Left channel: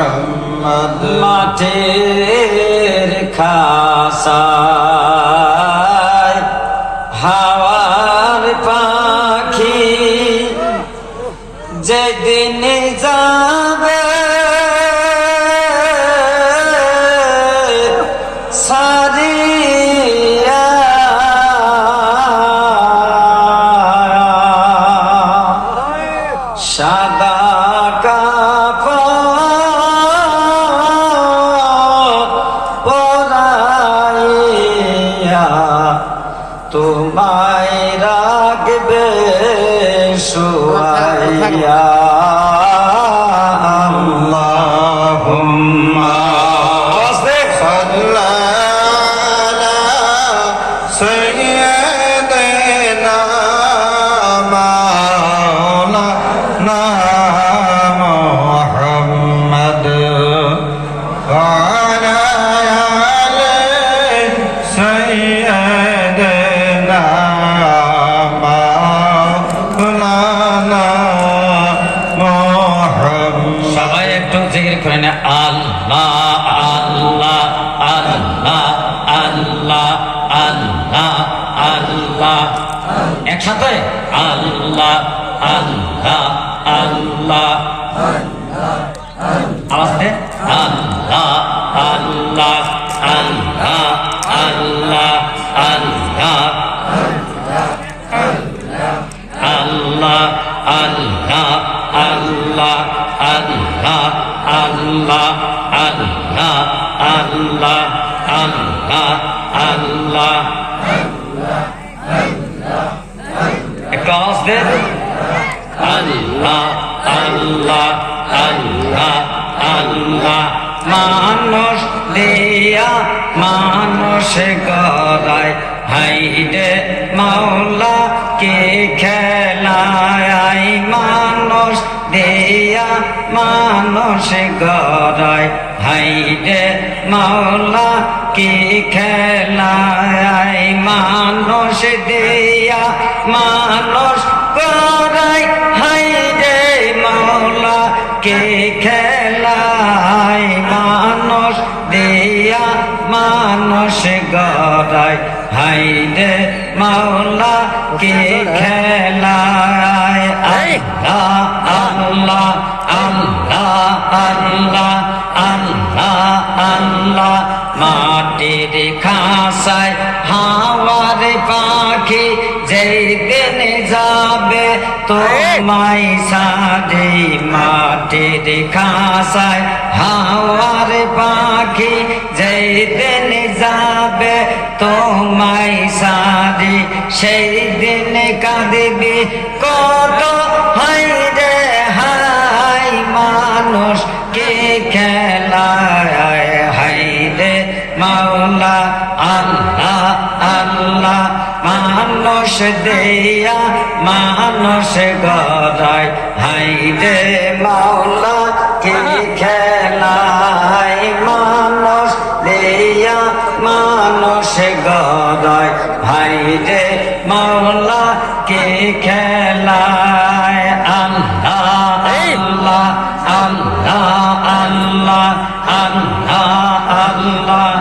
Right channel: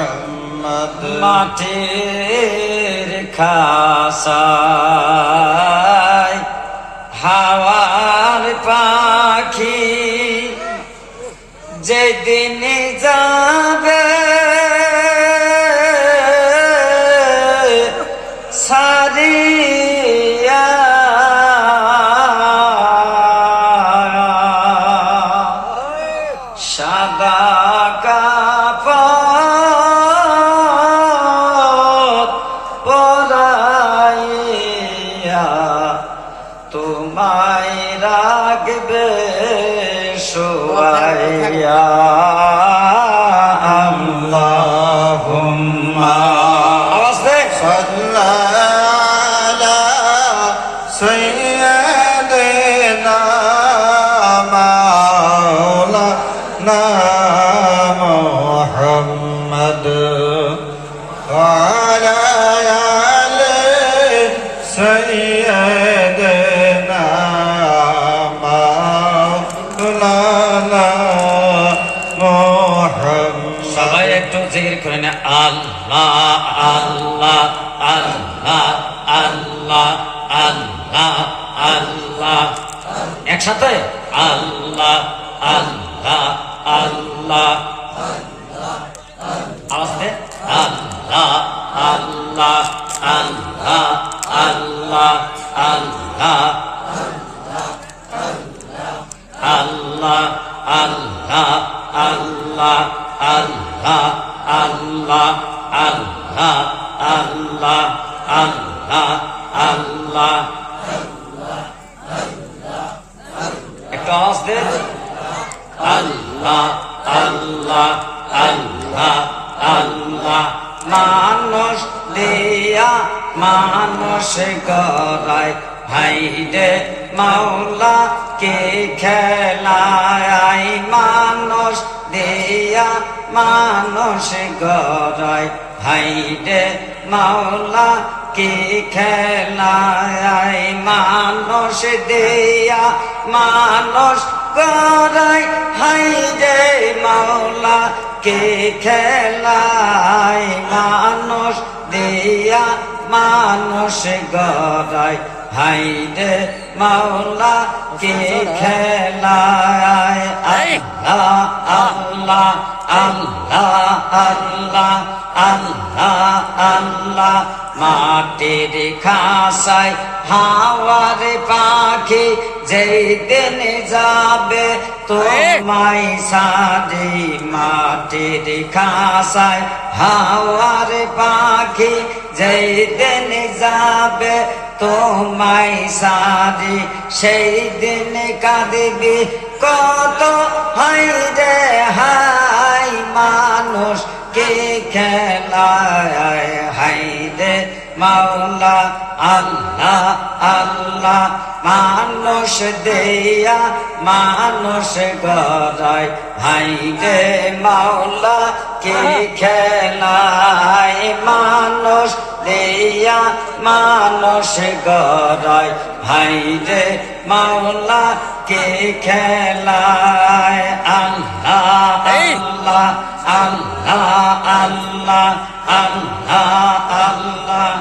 মোহাম্মদ মাটির খাসায় হাওয়ার পাখি যেদিন যাবে সারিয়া সাদা কাপড় পরাইয়া তোমায় রাখবে শুয়াইয়া আল্লাহুম্মা سيدنا مولانا محمد وعلى آل سيدنا مولانا محمد সবাই একটু জিকির করে না আল্লাহ আল্লাহ আল্লাহ আল্লাহ আল্লাহ আল্লাহ একসাথে আল্লাহ আল্লাহ আল্লাহ আওয়াজ দে আল্লাহ আল্লাহ আল্লাহ আল্লাহ আল্লাহ আল্লাহ আল্লাহ আল্লাহ আল্লাহ আল্লাহ আল্লাহ আল্লাহ আল্লাহ আল্লাহ একটু আওয়াজ দে আল্লাহ আল্লাহ আল্লাহ আল্লাহ মানুষ দিয়া মানুষ গড়ায় হাইরে মাওলা কে খেলায় মানুষ দিয়া মানুষ গড়ায় হাইরে মাওলা কে খেলায় মানুষ দিয়া মানুষ গড়ায় হাইরে মাওলা কে খেলায় মানুষ দিয়া মানুষ গড়ায় হাইরে মাওলা কে খেলায় আল্লাহ আল্লাহ আল্লাহ আল্লাহ আল্লাহ আল্লাহ মাটির খাসায় হাওয়ার পাখি যেই দিন যাবে তোমায় সারি মাটির খাসায় হাওয়ার পাখি যেই দিন যাবে তোমায় সারি সেই দিন কাঁদবি কত হাইরে হাই মানুষ কে খেলায় হাইরে মাওলা আল্লাহ আল্লাহ মানুষ দিয়া মানুষ গড়ায় হাইরে মাওলা কে খেলায় মানুষ দিয়া মানুষ গড়ায় হাইরে মাওলা কে খেলায় আল্লাহ আল্লাহ আল্লাহ আল্লাহ আল্লাহ আল্লাহ